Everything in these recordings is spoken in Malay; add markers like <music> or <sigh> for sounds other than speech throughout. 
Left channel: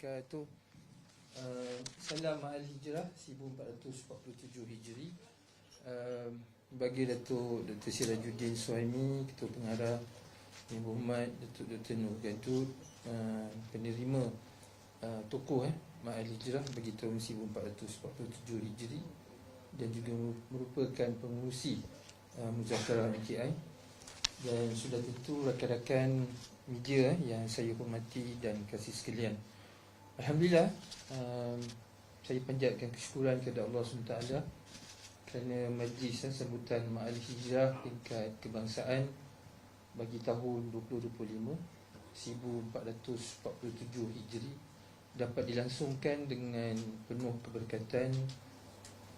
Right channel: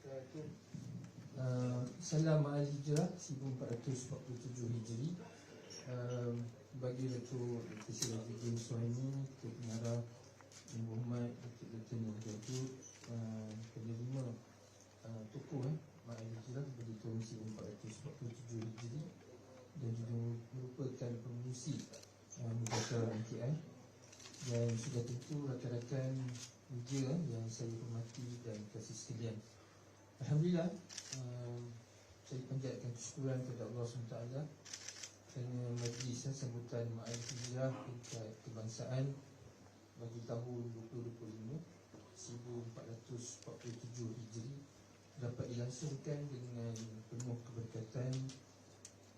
wabarakatuh. Uh, Salam Ma'al Hijrah 1447 Hijri. Uh, bagi Datuk Dr. Sirajuddin Suhaimi, Ketua Pengarah Yang Berhormat Datuk Dr. Nur Gadud, uh, penerima uh, tokoh eh, Ma'al Hijrah bagi tahun 1447 Hijri dan juga merupakan pengurusi uh, Muzakarah MKI dan sudah tentu rakan-rakan media eh, yang saya hormati dan kasih sekalian. Alhamdulillah um, saya panjatkan kesyukuran kepada Allah SWT kerana majlis eh, sambutan Ma'al Hijrah tingkat kebangsaan bagi tahun 2025 1447 Hijri dapat dilangsungkan dengan penuh keberkatan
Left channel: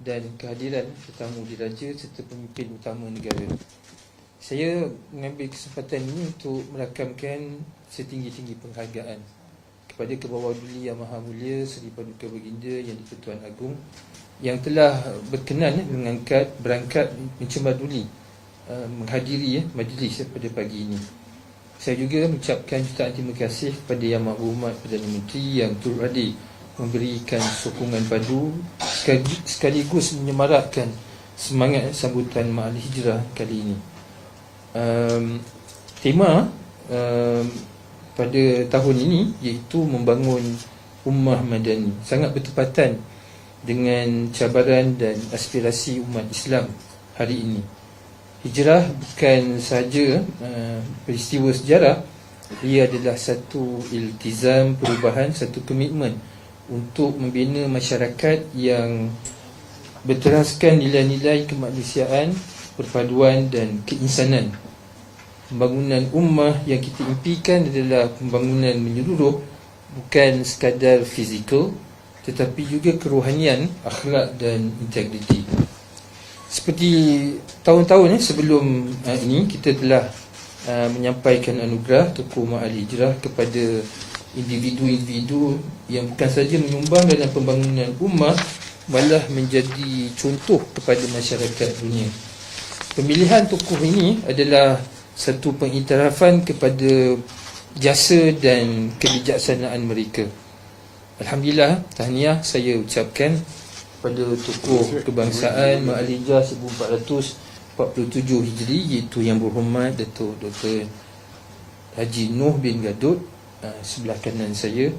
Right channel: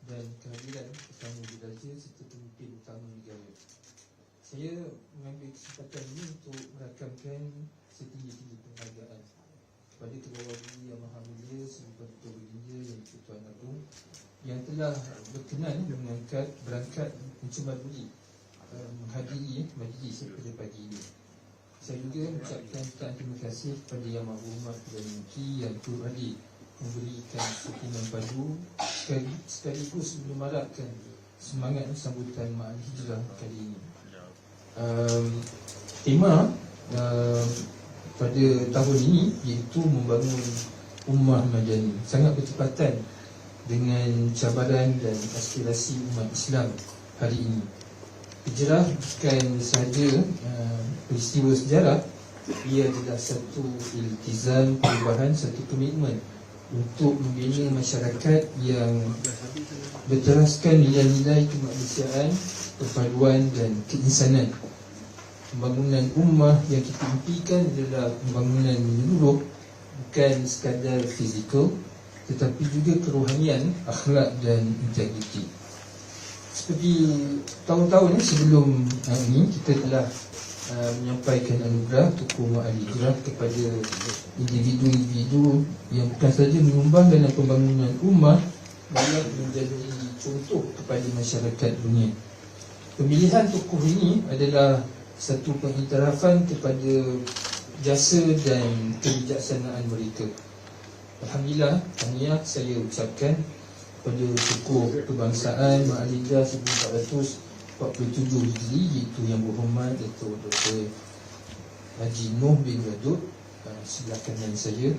dan kehadiran tetamu diraja serta pemimpin utama negara. Saya mengambil kesempatan ini untuk merakamkan setinggi-tinggi penghargaan kepada Kebawah Duli Yang Maha Mulia Seri Paduka Baginda Yang di-Pertuan Agong yang telah berkenan eh, mengangkat berangkat mencemar duli uh, menghadiri eh, majlis eh, pada pagi ini. Saya juga mengucapkan jutaan terima kasih kepada Yang Maha Berhormat Perdana Menteri yang turut hadir memberikan sokongan padu sekaligus menyemarakkan semangat eh, sambutan Ma'al Hijrah kali ini um, tema um, pada tahun ini iaitu membangun ummah madani sangat bertepatan dengan cabaran dan aspirasi umat Islam hari ini. Hijrah bukan sahaja uh, peristiwa sejarah, ia adalah satu iltizam perubahan, satu komitmen untuk membina masyarakat yang berteraskan nilai-nilai kemanusiaan perpaduan dan keinsanan. Pembangunan ummah yang kita impikan adalah pembangunan menyeluruh bukan sekadar fizikal tetapi juga kerohanian, akhlak dan integriti. Seperti tahun-tahun eh, sebelum uh, ini kita telah uh, menyampaikan anugerah Tuku Ma'al Hijrah kepada individu-individu yang bukan saja menyumbang dalam pembangunan ummah malah menjadi contoh kepada masyarakat dunia. Pemilihan tokoh ini adalah satu pengiktirafan kepada jasa dan kebijaksanaan mereka. Alhamdulillah, tahniah saya ucapkan pada tokoh kebangsaan Ma'alijah 1447 Hijri iaitu yang berhormat Datuk Dr. Haji Nuh bin Gadut ah, sebelah kanan saya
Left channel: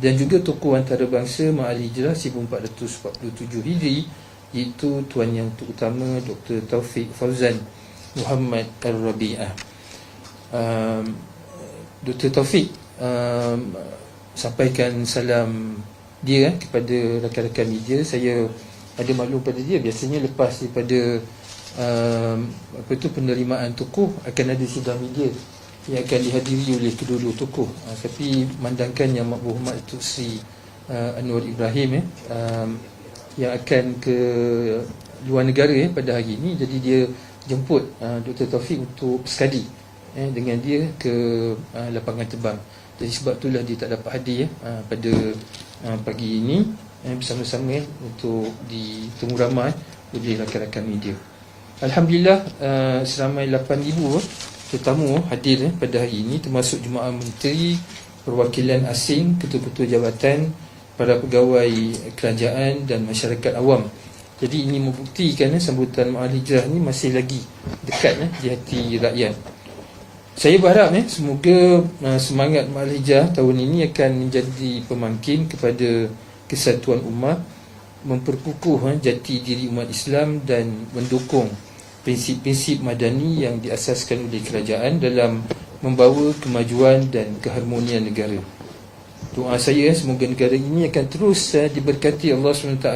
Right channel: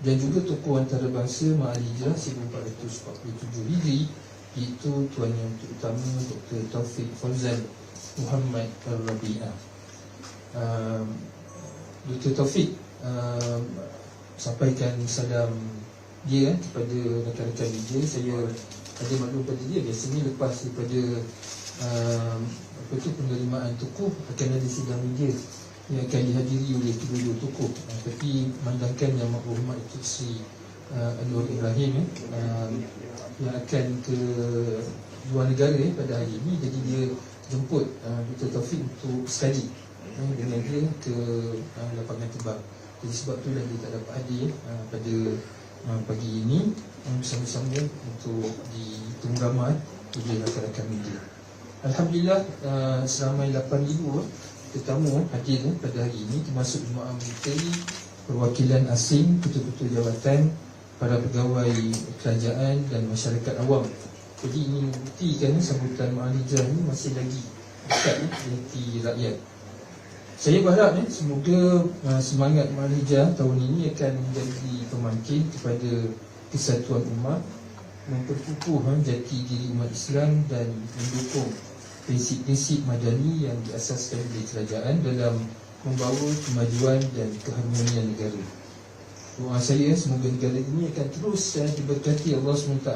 dan juga tokoh antarabangsa Ma'alijah 1447 Hijri itu Tuan Yang Terutama Dr. Taufik Fauzan Muhammad Al-Rabi'ah. Um, Dr. Taufik um, Sampaikan salam dia eh, kepada rakan-rakan media. Saya ada maklum pada dia Biasanya lepas daripada um, Apa tu penerimaan tokoh Akan ada sidang media Yang akan dihadiri oleh kedua-dua tokoh. Uh, Tapi mandangkan yang berhormat Tuk Sri uh, Anwar Ibrahim eh, um, yang akan ke luar negara ya, pada hari ini. Jadi dia jemput uh, Dr. Taufik untuk sekali ya, dengan dia ke uh, lapangan terbang jadi sebab itulah dia tak dapat hadir uh, pada uh, pagi ini ya, bersama-sama ya, untuk ditemu ramai oleh rakan-rakan media Alhamdulillah uh, seramai 8,000 tetamu hadir ya, pada hari ini termasuk jemaah menteri perwakilan asing ketua-ketua jabatan para pegawai kerajaan dan masyarakat awam. Jadi ini membuktikan eh, sambutan Ma'al Hijrah ni masih lagi dekat eh, di hati rakyat. Saya berharap eh, semoga uh, semangat Ma'al Hijrah tahun ini akan menjadi pemangkin kepada kesatuan umat, memperkukuh eh, jati diri umat Islam dan mendukung prinsip-prinsip madani yang diasaskan oleh kerajaan dalam membawa kemajuan dan keharmonian negara. Doa saya semoga negara ini akan terus uh, diberkati Allah SWT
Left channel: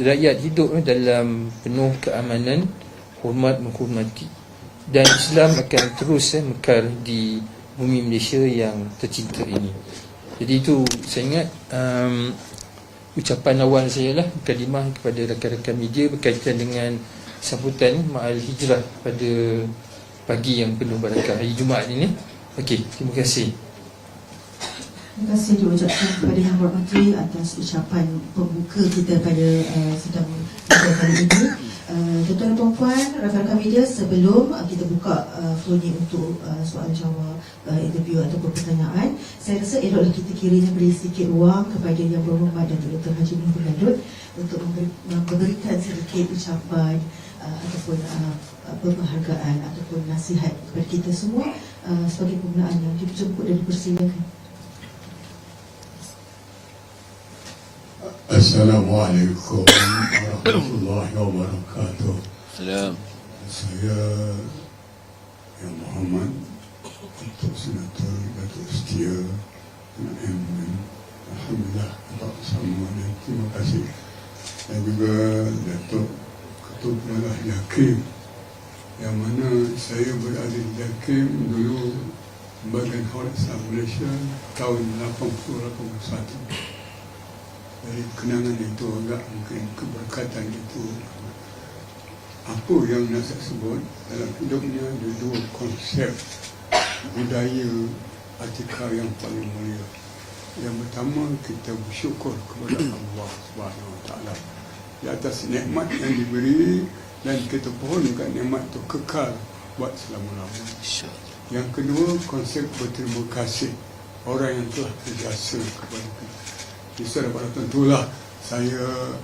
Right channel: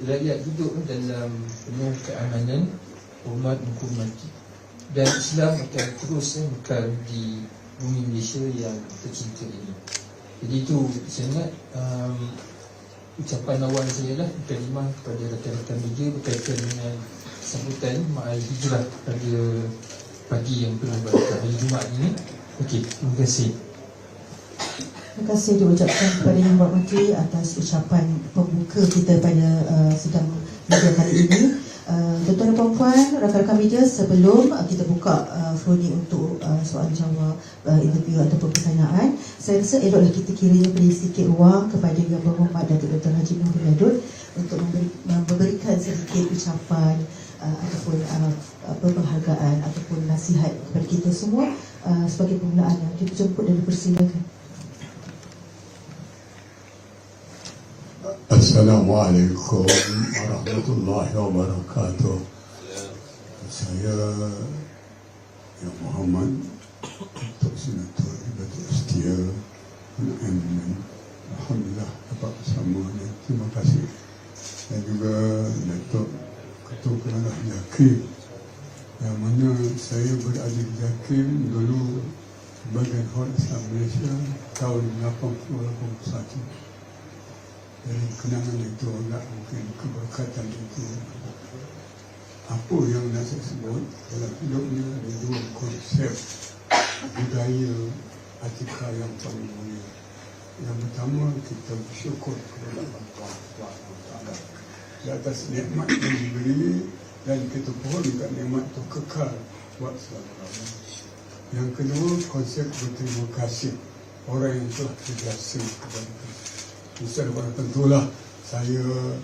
Rakyat hidup dalam penuh keamanan Hormat menghormati. Dan Islam akan terus uh, mekar di bumi Malaysia yang tercinta ini. Jadi itu saya ingat um, Ucapan awal saya lah Kalimah kepada rakan-rakan media Berkaitan dengan sambutan Ma'al Hijrah pada pagi yang penuh barakah Hari Jumaat ini. Okey, terima kasih Terima kasih diucapkan kepada Yang Berhormati atas ucapan pembuka kita pada uh, sidang media kali ini. Uh, tuan-tuan dan puan-puan, rakan-rakan media sebelum uh, kita buka uh, floor ni untuk uh, soal jawab, uh, interview ataupun pertanyaan, saya rasa eloklah kita kiranya beri sedikit ruang kepada Yang Berhormat Datuk Dr. Haji Nur bin Gadut untuk memberi, memberikan sedikit ucapan uh, ataupun uh, penghargaan ataupun nasihat kepada kita semua uh, sebagai permulaan yang dijemput dan dipersilakan. Assalamualaikum warahmatullahi wabarakatuh. Salam. Saya Yang Muhammad Datuk Senator Datuk Setia MN Alhamdulillah Bapak bersama dan terima kasih dan juga Datuk Ketua Pengarah Yakim yang mana saya berada di Yakim dulu Badan Islam Malaysia tahun 80-81 dari kenangan itu agak mungkin keberkatan itu. Apa yang nak saya sebut dalam hidupnya ada dua konsep budaya atika yang paling mulia. Yang pertama kita bersyukur kepada Allah Subhanahu Wa Taala. Di atas nikmat yang diberi dan kita pohonkan nikmat itu kekal buat selama-lamanya. Yang kedua konsep berterima kasih. Orang yang telah berjasa kepada kita Bisa pada tentulah saya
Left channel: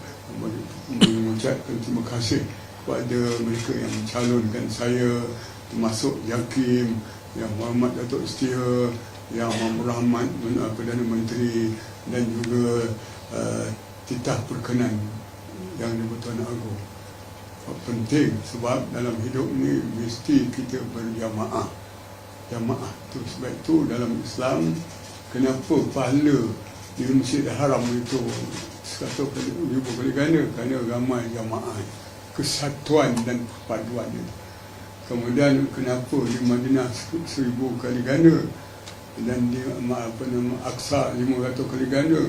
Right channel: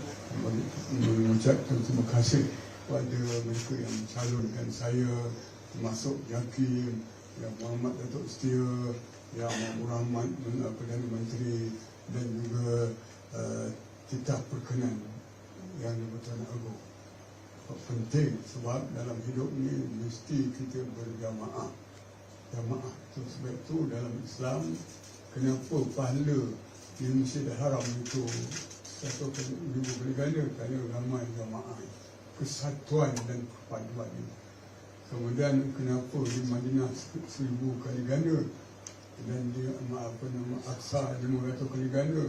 mengucapkan terima kasih kepada mereka yang mencalonkan saya termasuk Yakim, Yang Muhammad Datuk Setia, Yang Muhammad Rahmat Perdana Menteri dan juga uh, titah perkenan yang di-Pertuan Agong. Penting sebab dalam hidup ni mesti kita berjamaah. Jamaah tu sebab itu dalam Islam kenapa pahala di Masjid Haram itu satu ribu kali ganda kerana ramai jamaah kesatuan dan perpaduan itu. Kemudian kenapa di Madinah seribu kali ganda? Dan di apa nama Aqsa lima ratus kali ganda.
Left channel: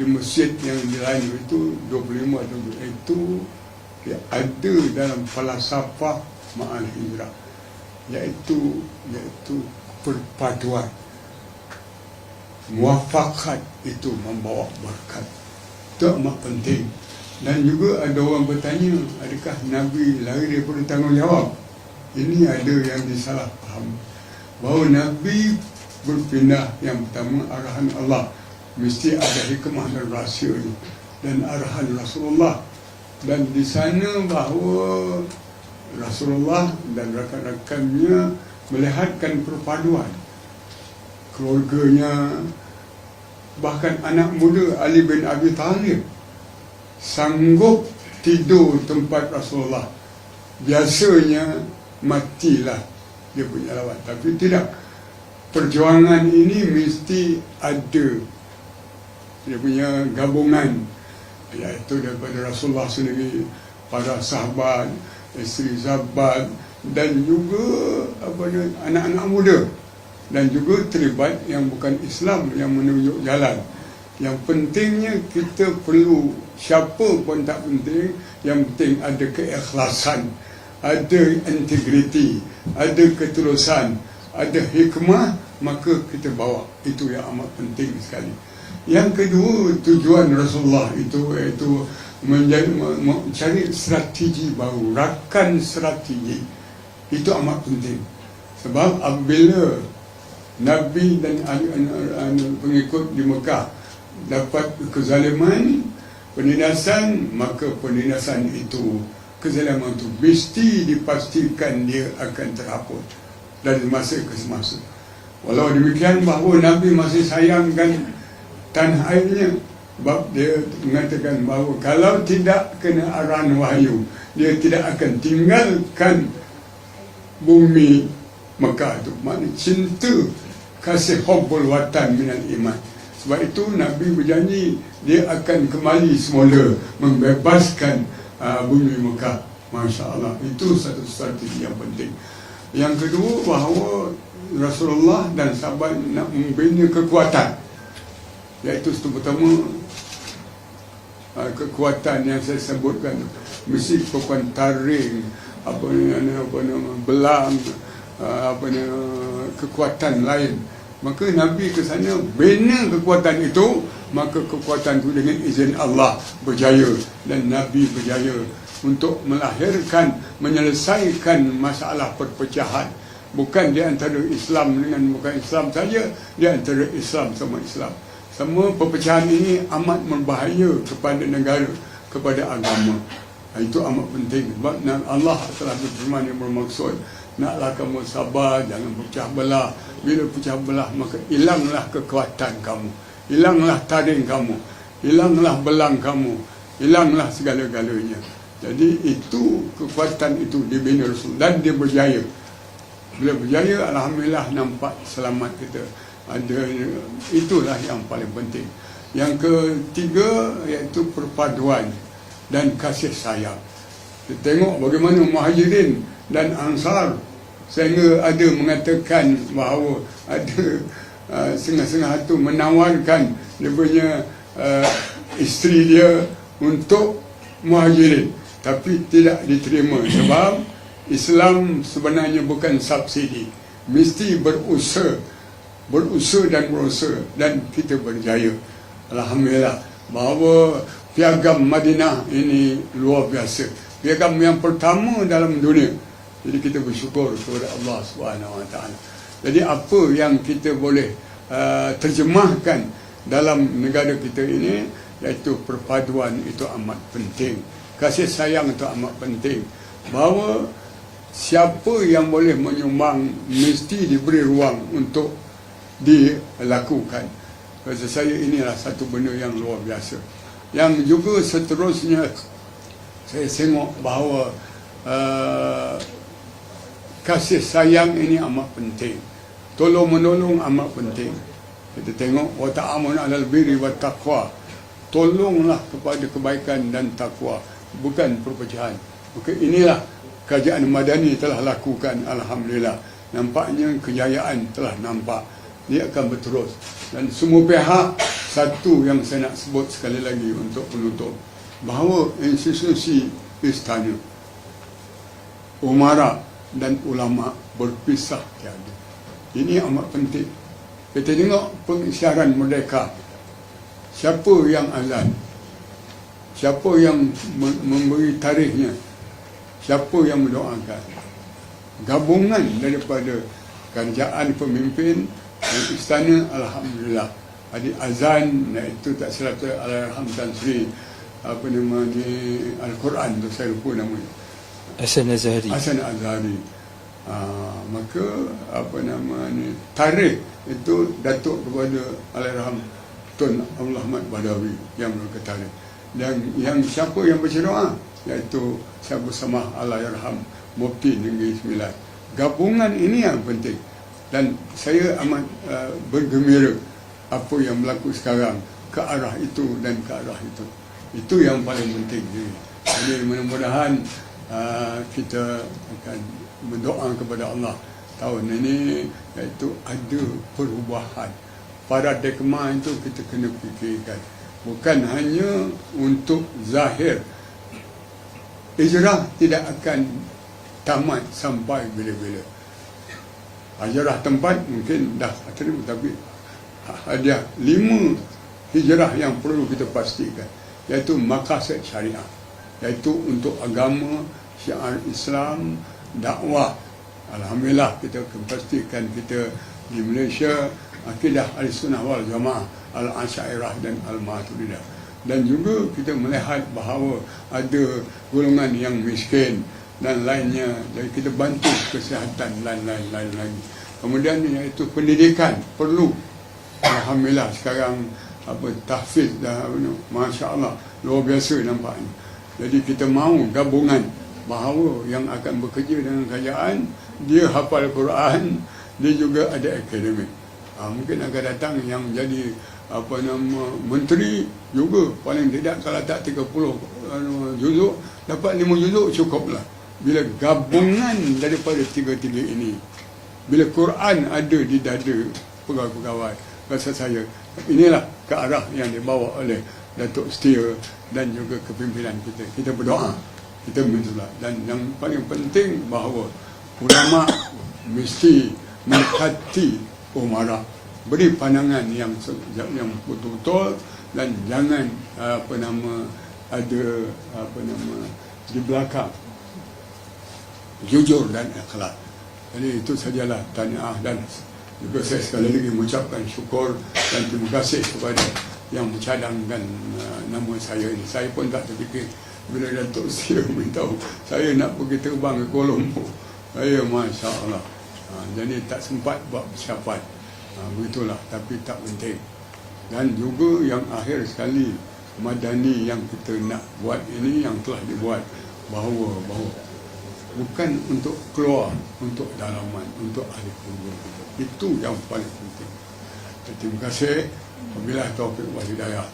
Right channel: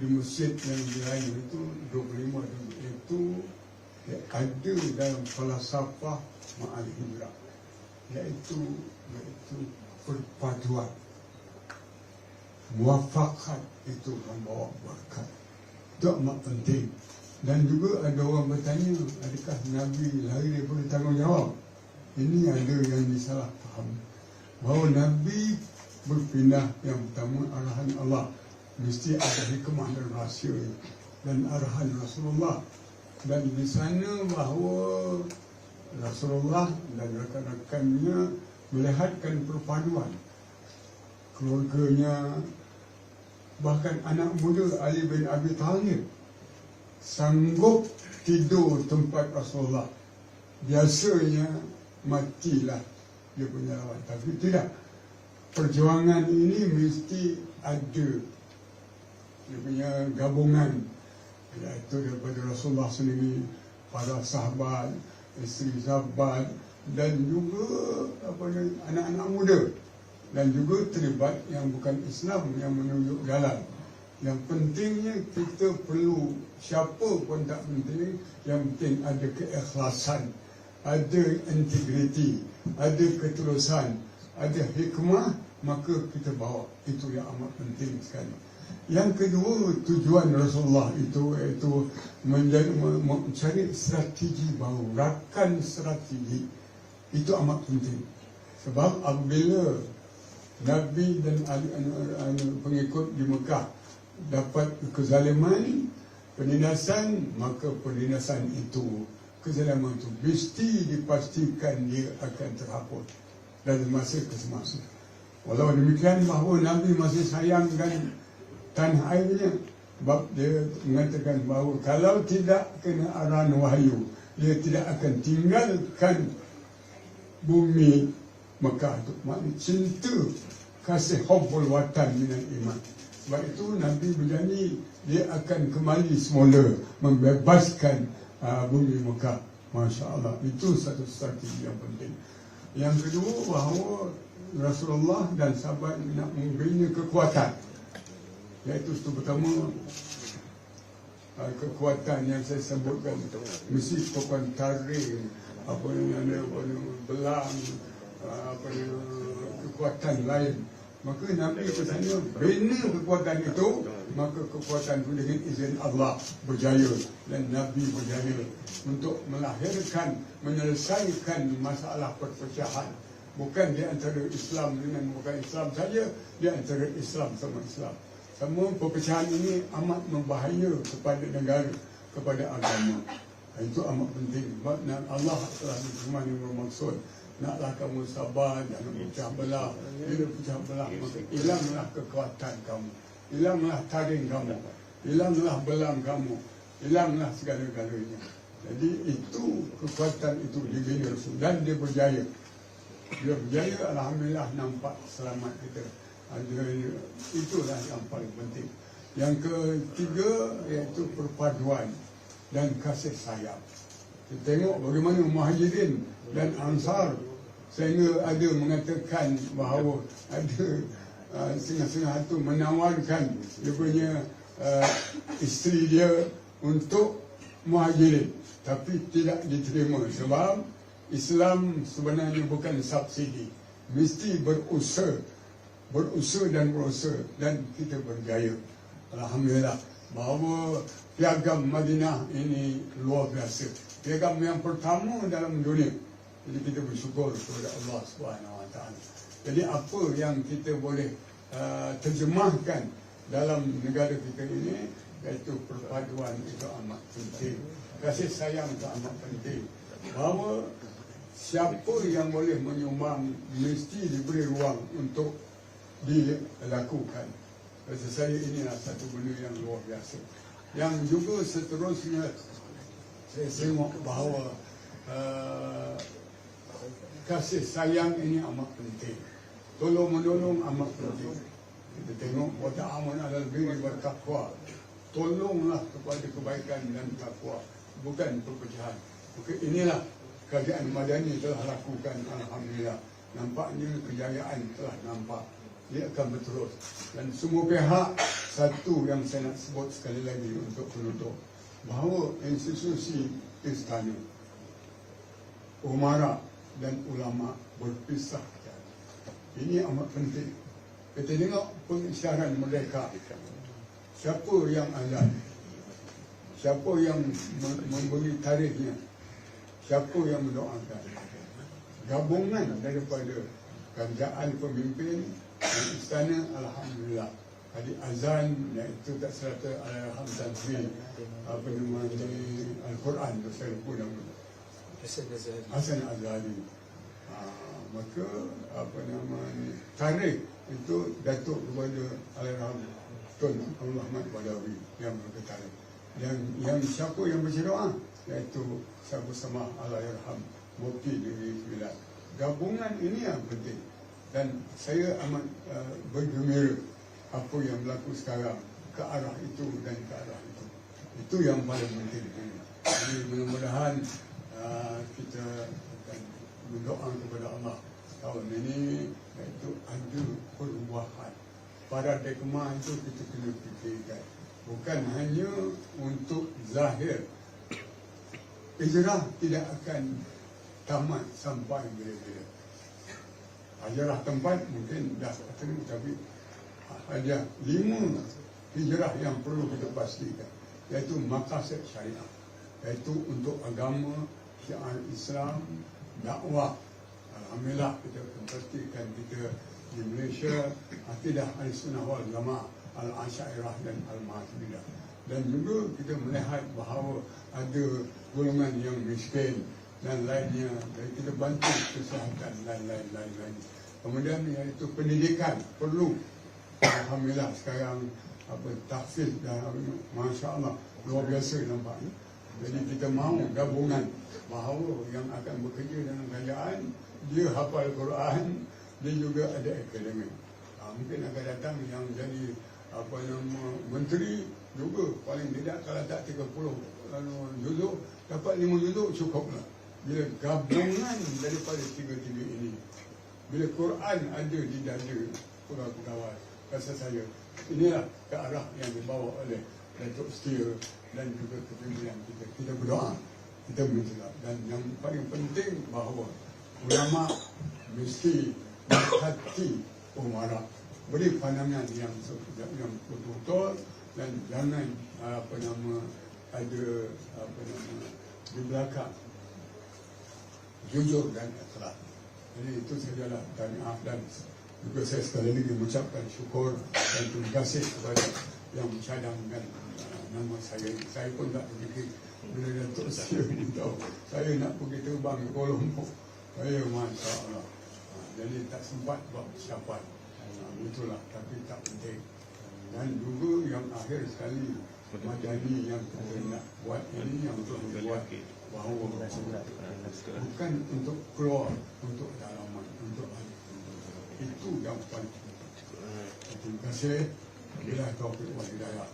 Di masjid yang lain itu 25 itu ya, ada dalam falsafah ma'al hijrah. Iaitu iaitu perpaduan muafakat itu membawa berkat. Itu amat penting. Dan juga ada orang bertanya adakah Nabi lari daripada tanggungjawab? Ini ada yang disalah faham bahawa Nabi berpindah yang pertama arahan Allah. Mesti ada hikmah dan rahsia dan arahan Rasulullah. Dan di sana bahawa Rasulullah dan rakan-rakannya melihatkan perpaduan keluarganya bahkan anak muda Ali bin Abi Talib sanggup tidur tempat Rasulullah. Biasanya matilah dia punya lawan tapi tidak. Perjuangan ini mesti ada dia punya gabungan iaitu daripada Rasulullah sendiri para sahabat isteri sahabat dan juga apa anak-anak muda dan juga terlibat yang bukan Islam yang menunjuk jalan. Yang pentingnya kita perlu siapa pun tak penting, yang penting ada keikhlasan, ada integriti, ada ketulusan, ada hikmah, maka kita bawa. Itu yang amat penting sekali. Yang kedua, tujuan Rasulullah itu iaitu menjadi, mencari strategi baru, rakan strategi. Itu amat penting. Sebab apabila Nabi dan pengikut di Mekah dapat kezaliman, penindasan, maka penindasan itu, kezaliman itu mesti dipastikan dia akan terhapus dari masa ke semasa. Walau demikian bahawa Nabi masih sayangkan tanah airnya sebab dia mengatakan bahawa kalau tidak kena arahan wahyu dia tidak akan tinggalkan bumi Mekah itu maknanya cinta kasih hubbul watan minal iman. Sebab itu Nabi berjanji dia akan kembali semula membebaskan uh, bumi Mekah. Masya Allah. Itu satu strategi yang penting. Yang kedua bahawa Rasulullah dan sahabat nak membina kekuatan. Iaitu itu pertama uh, kekuatan yang saya sebutkan mesti kekuatan taring apa nama apa nama belam uh, apa nama kekuatan lain. Maka Nabi ke sana bina kekuatan itu Maka kekuatan itu dengan izin Allah berjaya Dan Nabi berjaya untuk melahirkan menyelesaikan masalah perpecahan. Bukan di antara Islam dengan bukan Islam saja di antara Islam sama Islam. Semua perpecahan ini amat berbahaya kepada negara kepada agama itu amat penting. Sebab Allah telah berfirman yang bermaksud naklah kamu sabar jangan pecah belah. Bila pecah belah maka hilanglah kekuatan kamu hilanglah taring kamu hilanglah belang kamu hilanglah segala-galanya. Jadi itu kekuatan itu dibina Rasul dan dia berjaya. Bila berjaya Alhamdulillah nampak selamat kita. Ada itulah yang paling penting. Yang ketiga iaitu perpaduan dan kasih sayang. Kita tengok bagaimana muhajirin dan ansar sehingga ada mengatakan bahawa ada uh, setengah-setengah itu menawarkan dia punya uh, isteri dia untuk muhajirin. Tapi tidak diterima sebab Islam sebenarnya bukan subsidi. Mesti berusaha berusaha dan berusaha dan kita berjaya. Alhamdulillah. Bahawa piagam Madinah ini luar biasa. Piagam yang pertama dalam dunia. Jadi kita bersyukur kepada Allah Subhanahu Wa Taala. Jadi apa yang kita boleh uh, terjemahkan dalam negara kita ini iaitu perpaduan itu amat penting. Kasih sayang itu amat penting. Bahawa siapa yang boleh menyumbang mesti diberi ruang untuk dilakukan. Rasa saya inilah satu benda yang luar biasa yang juga seterusnya. Saya tengok bahawa uh, kasih sayang ini amat penting. Tolong menolong amat penting. Kita tengok wa ta'amun 'alal birri wat taqwa. Tolonglah kepada kebaikan dan takwa bukan perpecahan. Maka inilah kerajaan madani telah lakukan alhamdulillah. Nampaknya kejayaan telah nampak dia akan berterus. Dan semua pihak satu yang saya nak sebut sekali lagi untuk penutup bahawa institusi istana umara dan ulama berpisah tiada. Ini amat penting. Kita tengok pengisytiharan merdeka. Siapa yang azan? Siapa yang mem- memberi tarikhnya siapa yang mendoakan? Gabungan daripada kerajaan pemimpin dan istana alhamdulillah. Ada azan iaitu tak Allahyarham Tan Sri apa nama ni Al-Quran tu saya lupa namanya. Hasan Azhari Hasan Azhari uh, maka apa nama ni tarikh itu datuk kepada Allahyarham Tun Abdul Ahmad Badawi yang berketarikh dan yang siapa yang baca doa iaitu siapa sama Allahyarham Mufti Negeri Sembilan. Gabungan ini yang penting dan saya amat uh, bergembira apa yang berlaku sekarang ke arah itu dan ke arah itu. Itu yang paling penting. Jadi mudah-mudahan uh, kita akan berdoa kepada Allah tahun ini iaitu ada perubahan. Paradigma itu kita kena fikirkan. Bukan hanya untuk zahir. Hijrah tidak akan tamat sampai bila-bila hijrah tempat mungkin dah terima tapi ada lima hijrah yang perlu kita pastikan iaitu maqasid syariah iaitu untuk agama syiar Islam dakwah. Alhamdulillah kita pastikan kita di Malaysia akidah al-sunnah wal jamaah al-asyairah dan al-maturidah dan juga kita melihat bahawa ada golongan yang miskin dan lainnya. Dan kita bantu kesihatan lain-lain lain kemudian iaitu pendidikan perlu. Alhamdulillah sekarang apa tahfiz dah Masya Allah luar biasa nampaknya. Jadi kita mahu gabungan bahawa yang akan bekerja dengan kerajaan dia hafal Quran dia juga ada akademik. Ha, mungkin akan datang yang jadi apa nama menteri juga. Paling tidak kalau tak 30 anu, juzuk dapat 5 juzuk cukuplah bila gabungan daripada tiga-tiga ini bila Quran ada di dada pegawai-pegawai rasa saya inilah ke arah yang dibawa oleh Datuk Setia dan juga kepimpinan kita. Kita berdoa kita minta dan yang paling penting bahawa ulama mesti menghati umara. Beri pandangan yang yang betul-betul dan jangan apa nama ada apa nama di belakang jujur dan ikhlas. Jadi itu sajalah tanya dan juga saya sekali lagi mengucapkan syukur dan terima kasih kepada yang mencadangkan uh, nama saya ini. Saya pun tak terfikir bila Datuk <laughs> Seri memberitahu saya nak pergi terbang ke Kuala Lumpur. Saya Masya Allah. Uh, jadi tak sempat buat persiapan. Uh, begitulah tapi tak penting. Dan juga yang akhir sekali madani yang kita nak buat ini yang telah dibuat bahawa bahawa bukan untuk keluar untuk dalaman untuk ahli kubur itu yang paling penting. Terima kasih. Wabillahi taufiq wal hidayah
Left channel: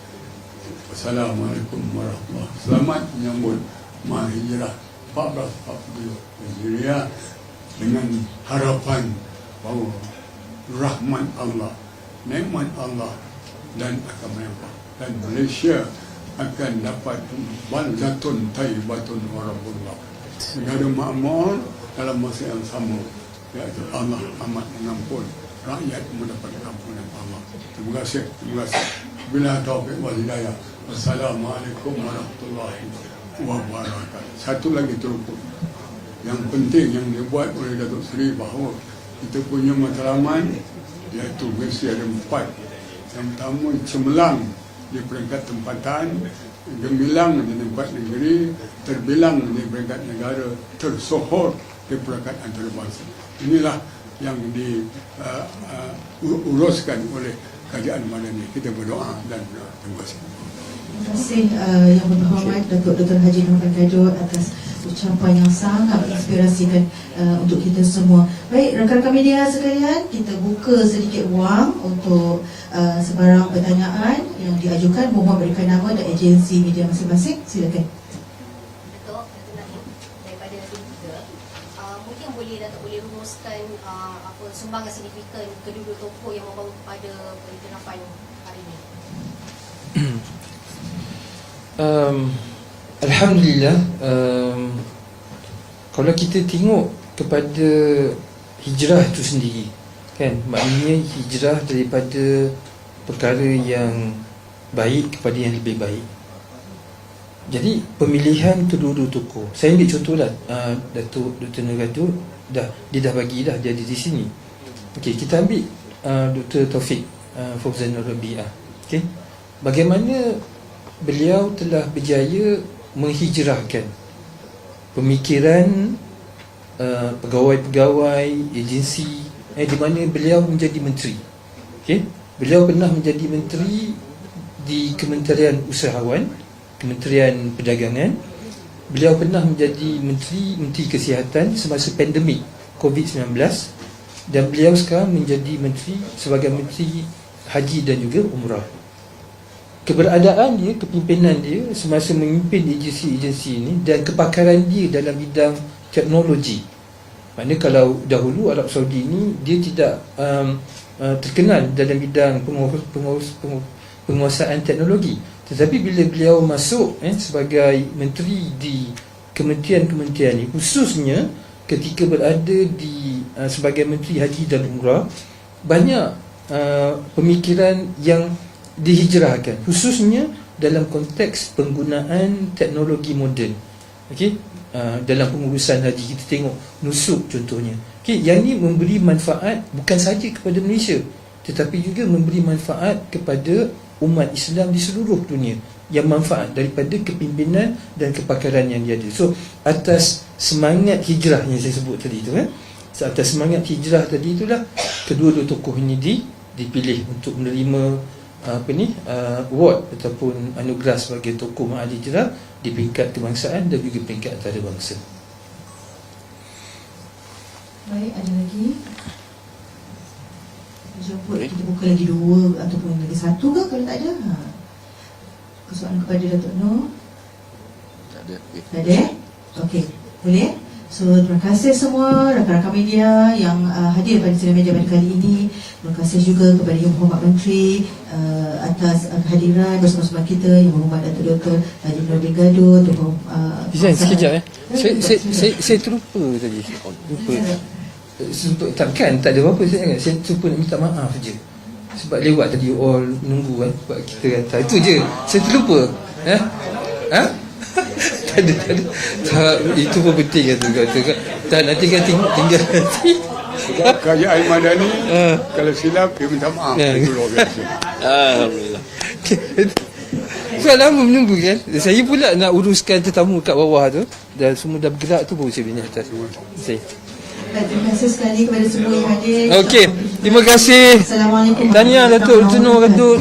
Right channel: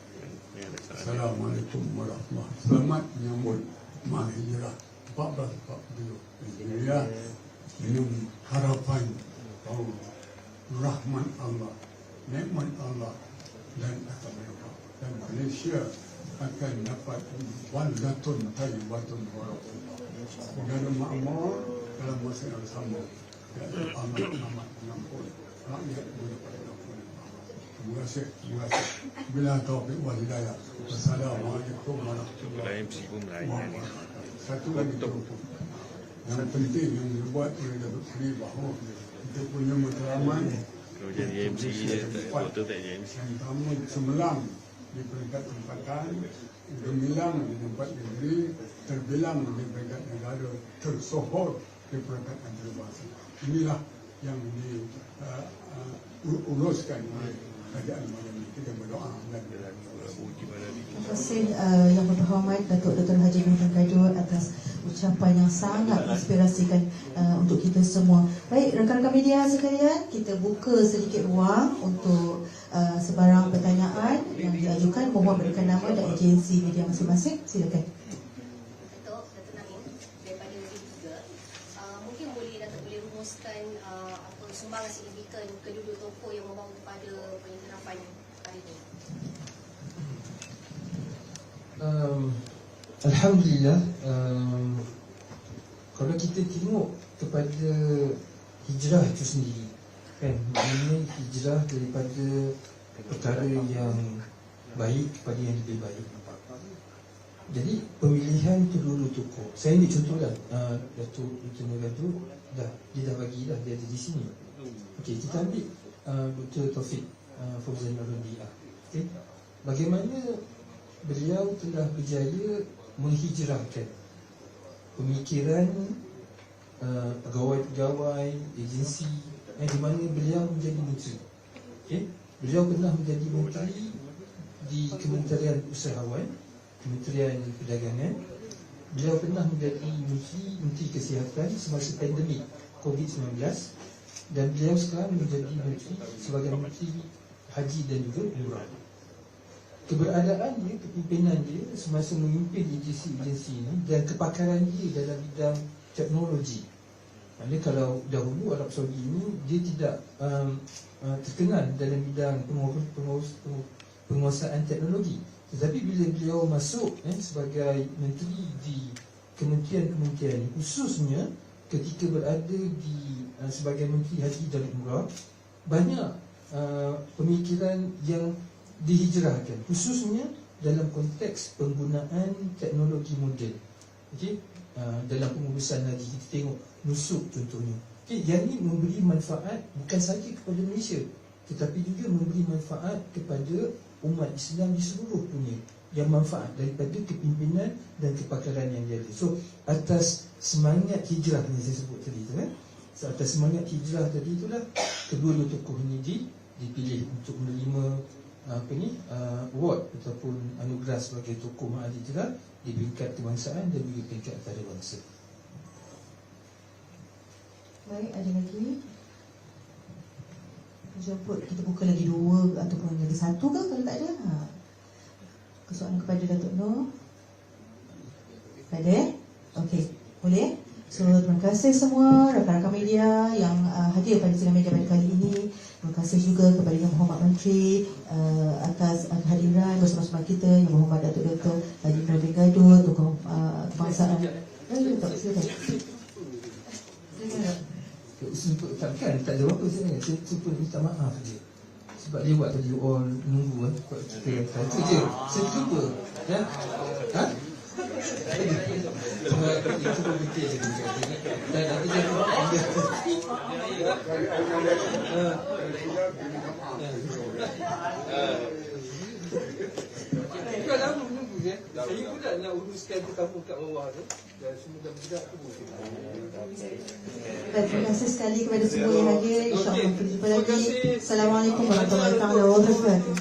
Assalamualaikum warahmatullahi wabarakatuh. Selamat menyambut mahijrah 1442 Hijriah dengan harapan bahawa rahmat Allah nikmat Allah dan akan melimpah dan Malaysia akan dapat baldatun tayyibatun warahmatullah negara makmur dalam masa yang sama iaitu Allah amat mengampun rakyat mendapat ampunan Allah. Terima kasih terima kasih. Bila taufik wal hidayah. Wassalamualaikum warahmatullahi wabarakatuh. Satu lagi teruput yang penting yang dibuat oleh Datuk Seri bahawa kita punya matlamat iaitu mesti ada empat. Yang pertama cemerlang di peringkat tempatan gemilang di tempat negeri terbilang di peringkat negara tersohor di peringkat antarabangsa inilah yang diuruskan uh, uh, oleh kerajaan madani kita berdoa dan uh, terima kasih Terima kasih uh, yang berhormat Datuk Dr. Haji Muhammad Gadot atas ucapan yang sangat menginspirasikan uh, untuk kita semua. Baik, rakan-rakan media sekalian, kita buka sedikit ruang untuk uh, sebarang pertanyaan yang diajukan. Mohon berikan nama dan agensi media masing-masing. Silakan. Sumbangan signifikan kedua-dua tokoh yang membawa kepada pengiktirafan hari ini. um, Alhamdulillah um, Kalau kita tengok kepada hijrah itu sendiri kan Maknanya hijrah daripada perkara yang baik kepada yang lebih baik jadi pemilihan kedua-dua tokoh Saya ambil contohlah uh, Datuk Dr. Nuradu dah, Dia dah bagi dah ada di sini Okey, kita ambil uh, Dr. Taufik uh, Fauzan Rabi'ah Okey Bagaimana beliau telah berjaya menghijrahkan pemikiran uh, pegawai-pegawai agensi eh, di mana beliau menjadi menteri. Okay? Beliau pernah menjadi menteri di Kementerian Usahawan, Kementerian Perdagangan. Beliau pernah menjadi menteri menteri kesihatan semasa pandemik COVID-19 dan beliau sekarang menjadi menteri sebagai menteri haji dan juga umrah keberadaan dia, kepimpinan dia semasa memimpin agensi-agensi ini dan kepakaran dia dalam bidang teknologi. Maknanya kalau dahulu Arab Saudi ini dia tidak um, uh, terkenal dalam bidang pengurus, pengurus, pengurus, penguasaan teknologi. Tetapi bila beliau masuk eh, sebagai menteri di kementerian-kementerian ini, khususnya ketika berada di uh, sebagai menteri haji dan umrah, banyak uh, pemikiran yang dihijrahkan khususnya dalam konteks penggunaan teknologi moden. Okey? Uh, dalam pengurusan haji kita tengok nusuk contohnya. Okey yang ini memberi manfaat bukan saja kepada Malaysia tetapi juga memberi manfaat kepada umat Islam di seluruh dunia. Yang manfaat daripada kepimpinan dan kepakaran yang dia ada. So atas semangat hijrah yang saya sebut tadi tu eh atas semangat hijrah tadi itulah kedua-dua tokoh ini di, dipilih untuk menerima apa ni uh, award ataupun anugerah sebagai tokoh mahali hijrah di peringkat kebangsaan dan juga peringkat antarabangsa. Baik, ada lagi? Jemput kita buka lagi dua ataupun lagi satu ke kalau tak ada? Ha. Persoalan kepada Datuk Nur? Tak ada. Tak ada? Okey, boleh? So, terima kasih semua rakan-rakan media yang uh, hadir pada sidang media pada kali ini. Terima kasih juga kepada Yang Berhormat Menteri uh, atas uh, kehadiran bersama-sama kita Yang Berhormat Datuk Dr. Haji Nabil Gaduh, Tuan uh, Design Paksa- sekejap eh. Ya, Saya ya, saya silakan. saya, saya terlupa tadi. Lupa. Sebab takkan tak ada apa-apa saya. Saya terlupa nak minta maaf je. Sebab lewat tadi all menunggu kan sebab kita kata itu je. Saya terlupa. Eh? Ha? Tak ada, tak ada. Tak, itu pun penting kata kata kan. Tak nak tinggal tinggal, tinggal nanti. Sebab kerajaan Madani Ah. kalau silap dia minta maaf. Ya. Itu luar biasa. Alhamdulillah. Sebab lama menunggu kan. Saya pula nak uruskan tetamu kat bawah tu dan semua dah bergerak tu baru saya naik atas. Saya. Terima kasih sekali kepada semua yang hadir. Okey, terima kasih. Assalamualaikum. Tahniah Datuk Tunur. Datuk